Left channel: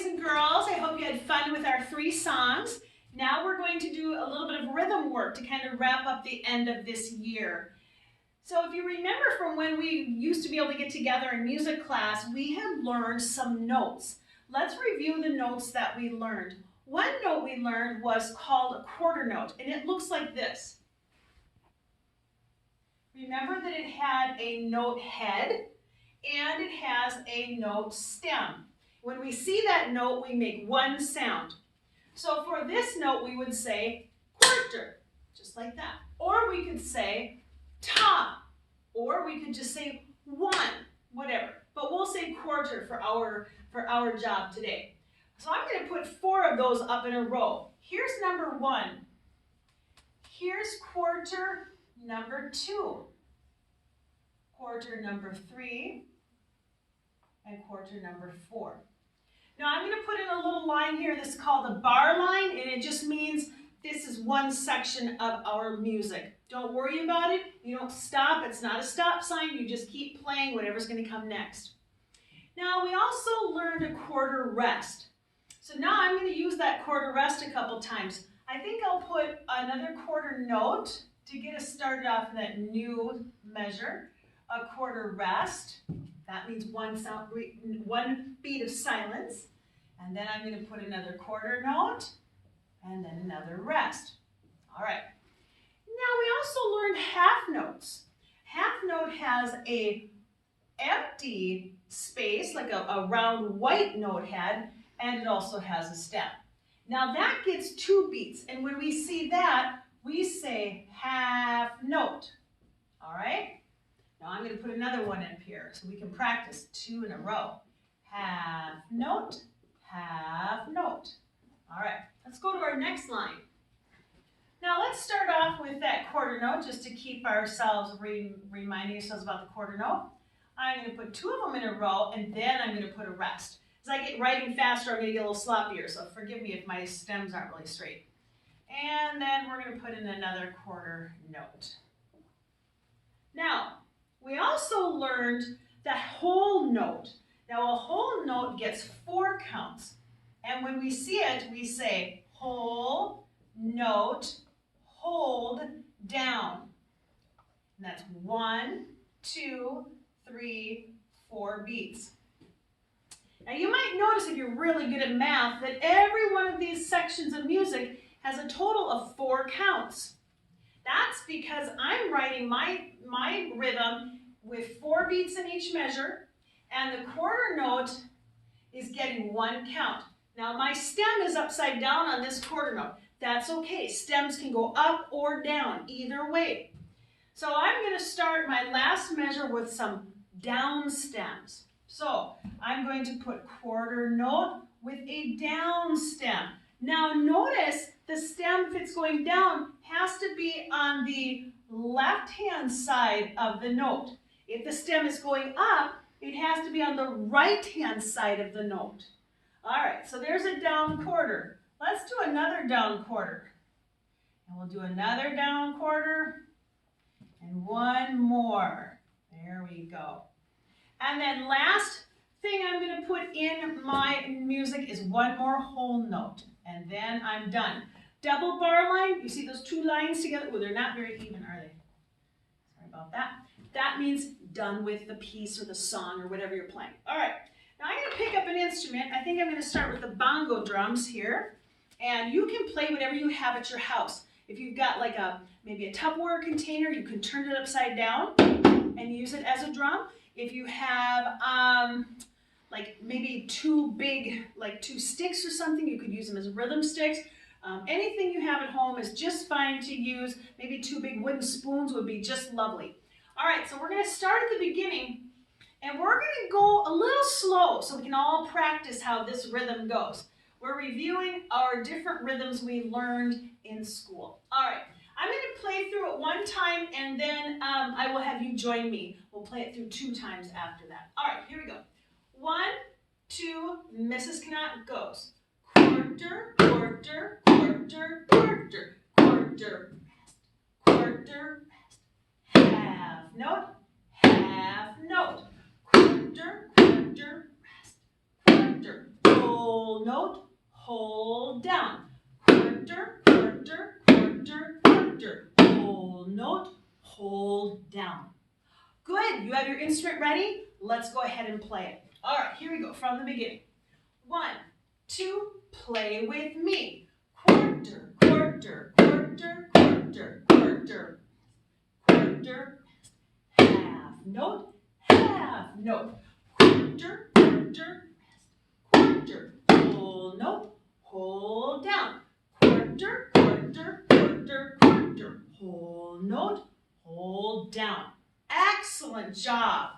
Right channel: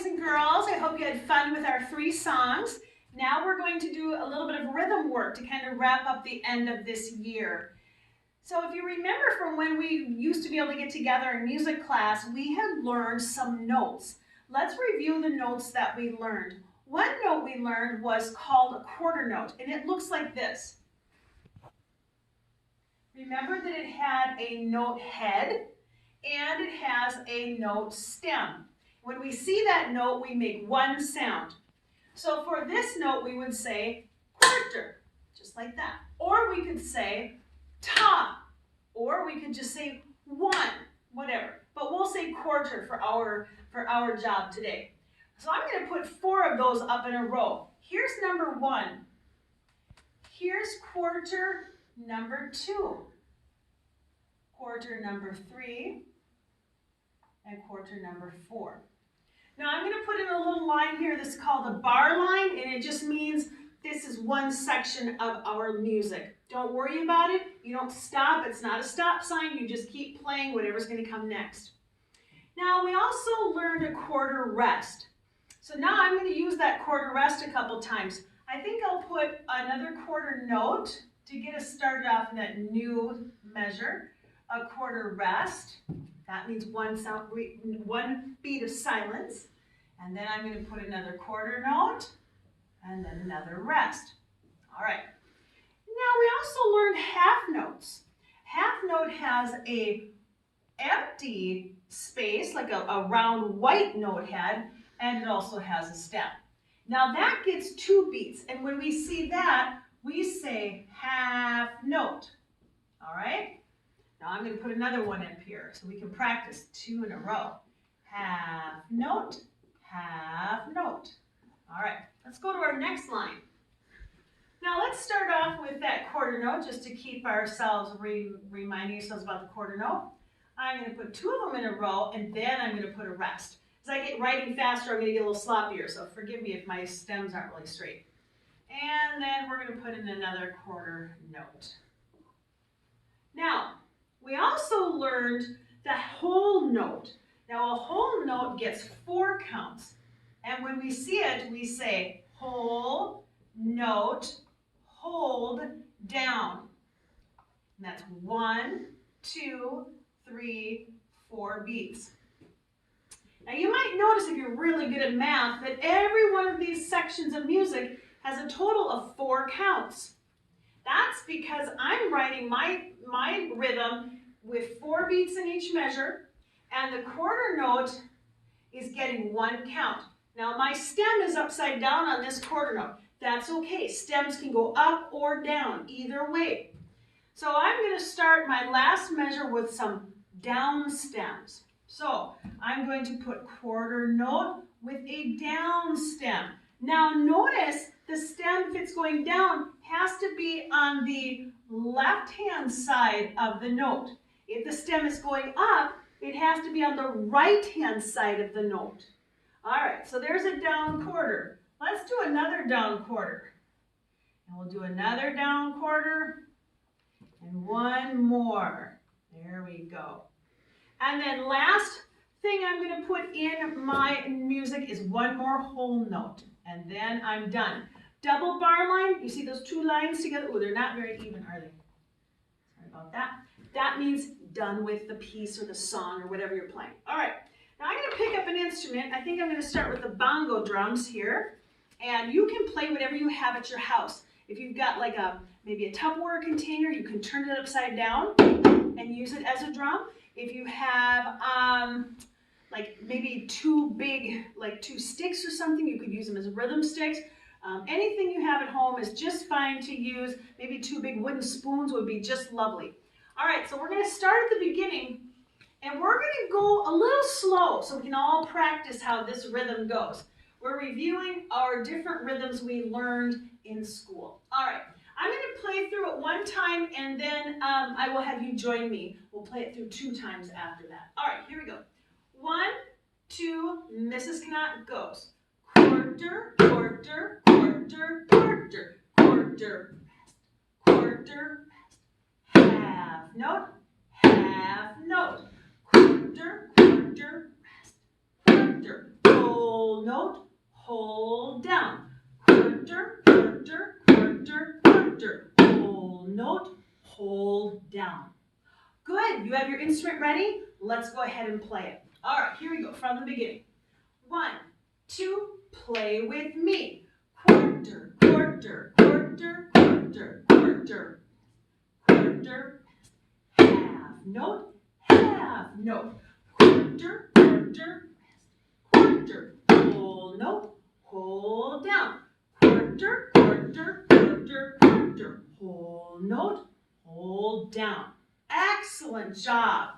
boys and girls. I hope you had fun with our 3 songs. Now we're going to do a little bit of rhythm work to kind of wrap up the end of this year. So if you remember from when we used to be able to get together in music class, we had learned some notes. Let's review the notes that we learned. One note we learned was called a quarter note, and it looks like this. Remember that it had a note head and it has a note stem. When we see that note, we make one sound. So for this note, we would say quarter, just like that. Or we could say ta, or we could just say one, whatever. But we'll say quarter for our job today. So I'm going to put 4 of those up in a row. Here's number 1. Here's quarter number 2. Quarter number 3. And quarter number 4. Now I'm going to put in a little line here that's called a bar line, and it just means this is one section of our music. Don't worry about it. You don't stop. It's not a stop sign. You just keep playing whatever's going to come next. Now we also learned a quarter rest. So now I'm going to use that quarter rest a couple times. I think I'll put another quarter note to get us started off in that new measure. A quarter rest. That means one beat of silence. And then I'm going to put another quarter note and then another rest. All right. Now we also learned half notes. Half note has a empty space, like a round white note head, and it also has a stem. Now that gets 2 beats, and when we see that, we say half note. All right? Now I'm going to put another one up here so we can practice 2 in a row. Half note, half note. All right, let's go to our next line. Now let's start off with that quarter note just to keep ourselves reminding ourselves about the quarter note. I'm going to put 2 of them in a row, and then I'm going to put a rest. As I get writing faster, I'm going to get a little sloppier, so forgive me if my stems aren't really straight. And then we're going to put in another quarter note. Now, we also learned the whole note. Now, a whole note gets 4 counts. And when we see it, we say whole note, hold down. And that's 1, 2, 3, 4 beats. Now, you might notice if you're really good at math that every one of these sections of music has a total of 4 counts. That's because I'm writing my rhythm with 4 beats in each measure, and the quarter note is getting 1 count. Now my stem is upside down on this quarter note. That's okay. Stems can go up or down, either way. So I'm going to start my last measure with some down stems. So I'm going to put quarter note with a down stem. Now notice the stem, if it's going down, has to be on the left-hand side of the note. If the stem is going up, it has to be on the right-hand side of the note. All right, so there's a down quarter. Let's do another down quarter. And we'll do another down quarter and 1 more. There we go. And then last thing I'm going to put in my music is 1 more whole note. And then I'm done. Double bar line, you see those 2 lines together? Oh, they're not very even, are they? Sorry about that. That means done with the piece or the song or whatever you're playing. All right, now I'm going to pick up an instrument. I think I'm going to start with the bongo drums here. And you can play whatever you have at your house. If you've got like maybe a Tupperware container, you can turn it upside down and use it as a drum. If you have like maybe 2 big, like 2 sticks or something, you could use them as rhythm sticks. Anything you have at home is just fine to use. Maybe 2 big wooden spoons would be just lovely. All right, so we're going to start at the beginning, and we're going to go a little slow so we can all practice how this rhythm goes. We're reviewing our different rhythms we learned in school. All right, I'm going to play through it 1 time, and then I will have you join me. We'll play it through 2 times after that. All right, here we go. 1, 2, Mrs. Knott goes. Quarter, quarter, quarter, quarter, quarter, rest, quarter, rest. Half note, half note. Quarter, quarter, rest, quarter. Whole note, hold down. Quarter, quarter, quarter, quarter. Whole note, hold down. Good, you have your instrument ready? Let's go ahead and play it. All right, here we go from the beginning. 1, 2, play with me. Quarter, quarter, quarter, quarter, quarter, quarter. Half note, half note. Quarter, quarter, quarter. Whole note, hold down. Quarter, quarter, quarter, quarter. Whole note, hold down. Excellent job.